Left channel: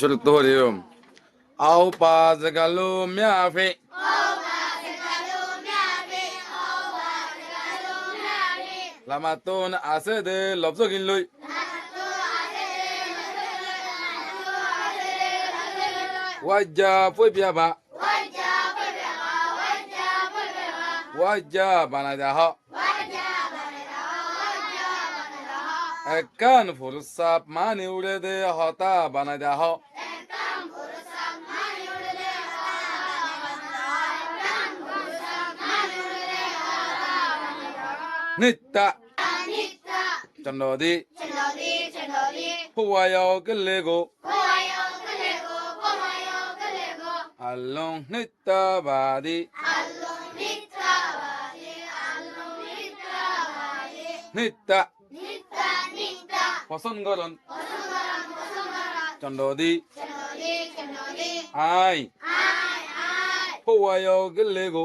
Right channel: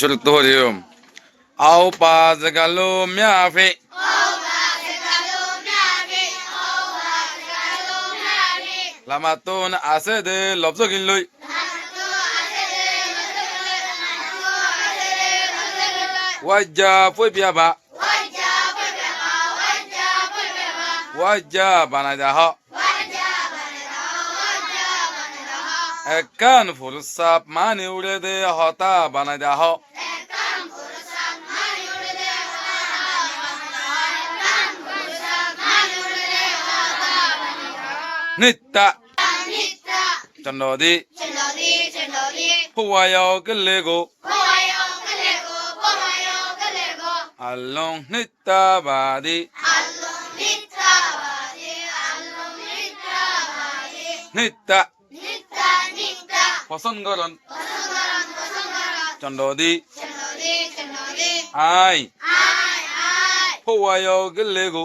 شلطوريوم او باز قالوا ميافي লামাতুন আছে দে লব্জ গিল্লই ওয়াজ্জা ফুই বিয়াবা ওয়াজ্জা বানাই দাহ একান ফুরসাপ মানে উড়ে দে হতা বানাই দাহ ನಿತ್ತ ಚಂಡೋದಿ ಹೂವಾಯೋ ಗಲ್ಲೆಗೋ ಅಲ್ಲೋಂ ನಿತ್ತ ಬಾದಿ নিত্যা পছন্দ করন চন্ডদি আই হওয়ায় গেলে গো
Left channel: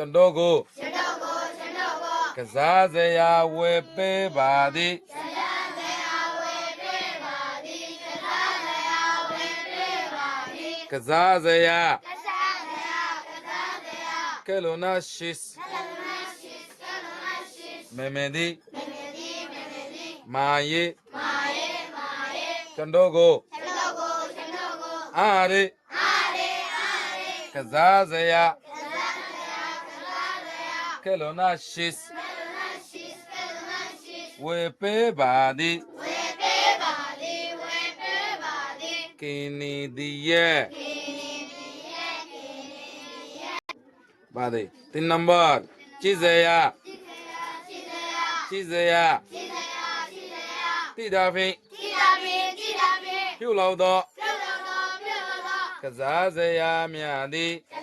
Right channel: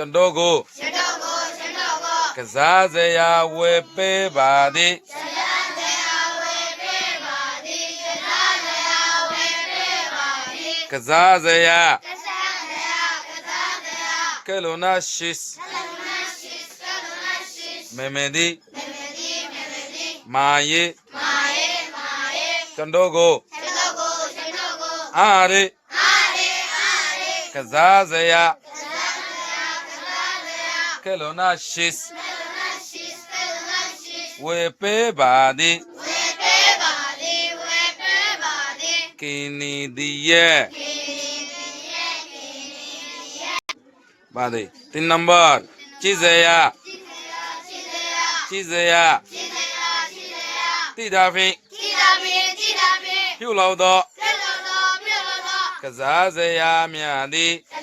ကျွန်တော်ကိုကျွန်တော်ကိုကျွန်တော်ကိုကစားစရာဝယ်ပေးပါသည်ကစားစရာဝယ်ပေးပါသည်ကစားစရာဝယ်ပေးပါသည်ကစားစရာကစားစရာကစားစရာကယ်လိုနာရှစ်ကယ်လိုနာရှစ်ကယ်လိုနာရှစ်မေမေဒီမေမေဒီမေမေဒီမာယေမာယေမာယေကျွန်တော်ကိုကျွန်တော်ကိုကျွန်တော်ကိုအားရအားရအားရကစားစရာက Kelona shis. Wepe badi. Kini diye. Badi. Tin number. Chizeya. Chizeya. Tidafi. Tidafi. Tidafi. Piu lau do. Piu lau do. Piu lau do. Kazazeya miadi. Kazazeya miadi.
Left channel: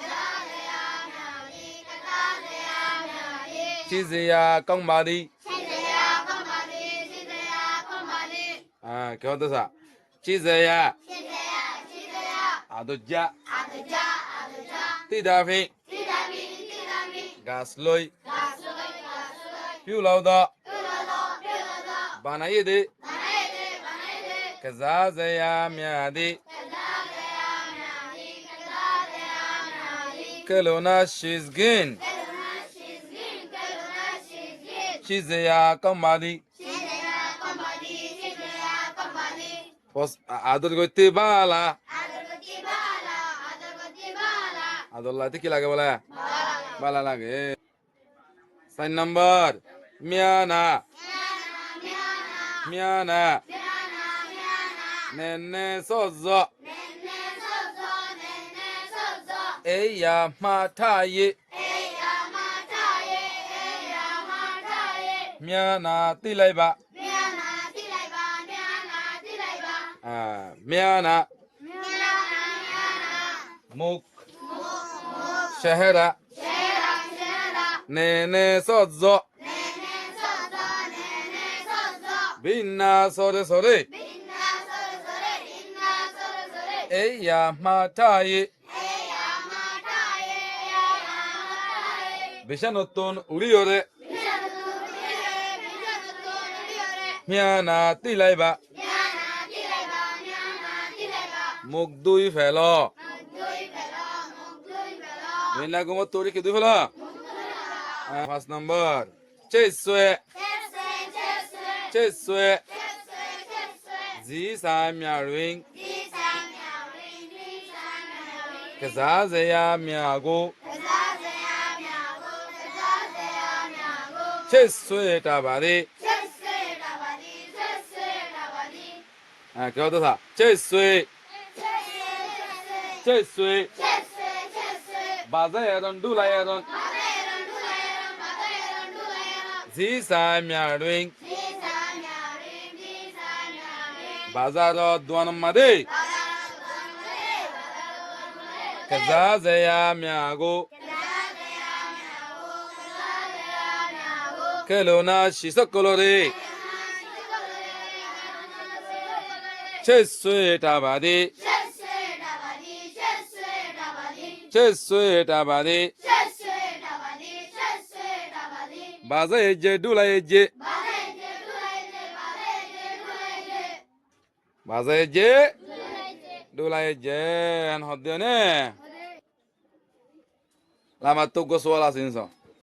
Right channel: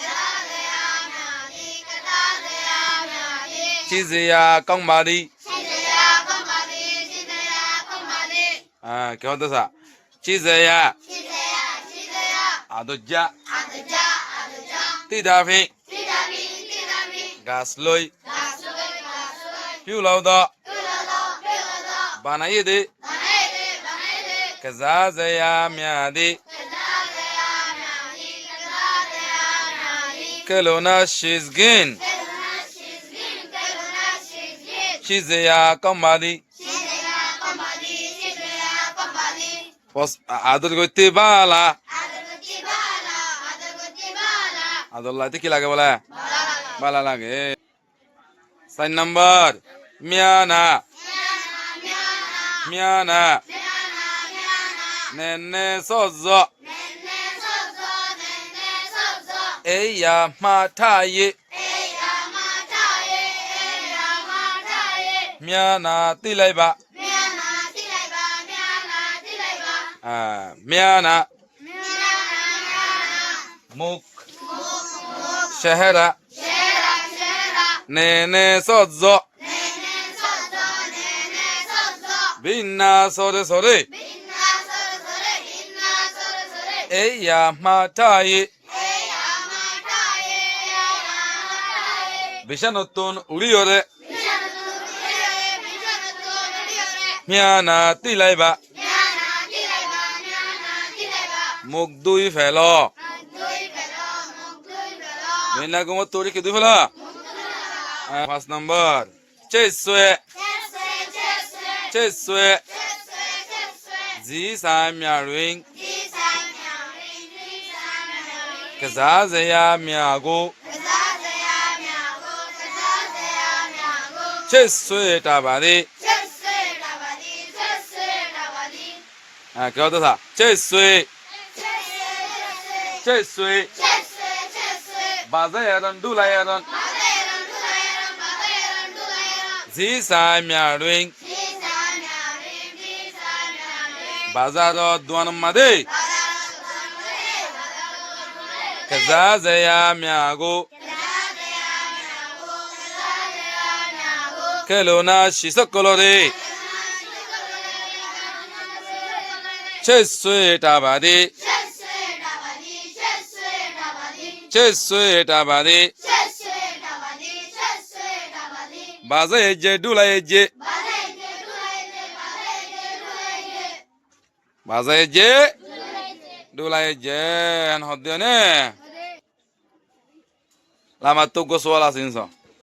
Chizya công bà đi. Chizya công bà đi. Chizya công bà đi. À, क्या होता सा? Chizya. Chizya. Chizya. Adujja. Adujja. Adujja. Tidafi. Tidafi. Tidafi. Gasloi. Gasloi. Gasloi. Più lauda. Più lauda. Più lauda. Banayidi. Banayidi. à Kazazaya đi Kazazaya miadi. Kazazaya miadi. Kelona shizgin. Kelona shizgin. ရည်သည်ကစားစရာများသည်ကလောနာရှိစဂင်ရှိစရာကောင်းပါသည်ဘောအာဒရကိုတေပါလားအာဒလာတိကလာကဘလာဘာလာလာကေစိုင်းနံပါတ်မြာနာမြာနာနဲနဲစော့စော့အေးယာမှားထရေမြာနာတိလိုက်ပါအာမြာနာမုတ်ရှဟရာနဲနဲစော့စော့ဘိနာစောရစောရအေးယာမှားထရေ Miana তিলাইবা Miana মুখ চেহেরা নে নে সজ্জ বিন্না সরে সরে এইয়া মাঠায়ে বিশানতন উড়িয়রে মিয়ানা তিলাইবা মুখ দুই ফেল মিনা গুমর তৈরি কি দুই ফেল পাঁচ নম্বর চেসুয়ে চেসুয়ে জি সাই মিয়ারুইং কেজাজেয়া মিয়াগো চেসুয়ে টাবাদে 啊，给我多少？这水，这水，把这些人都来呀人，几三秒零，把这都端嘛的，可咋这样秒过？可罗那西索可罗的。ছেসুয়েটাবাদী ছেসুয়েটাবাদী বাজে যে ডুলাই যে। বাজে যে ডুলাই যে হদ্দিয়নে লামা তো গোসওয়াল আছিস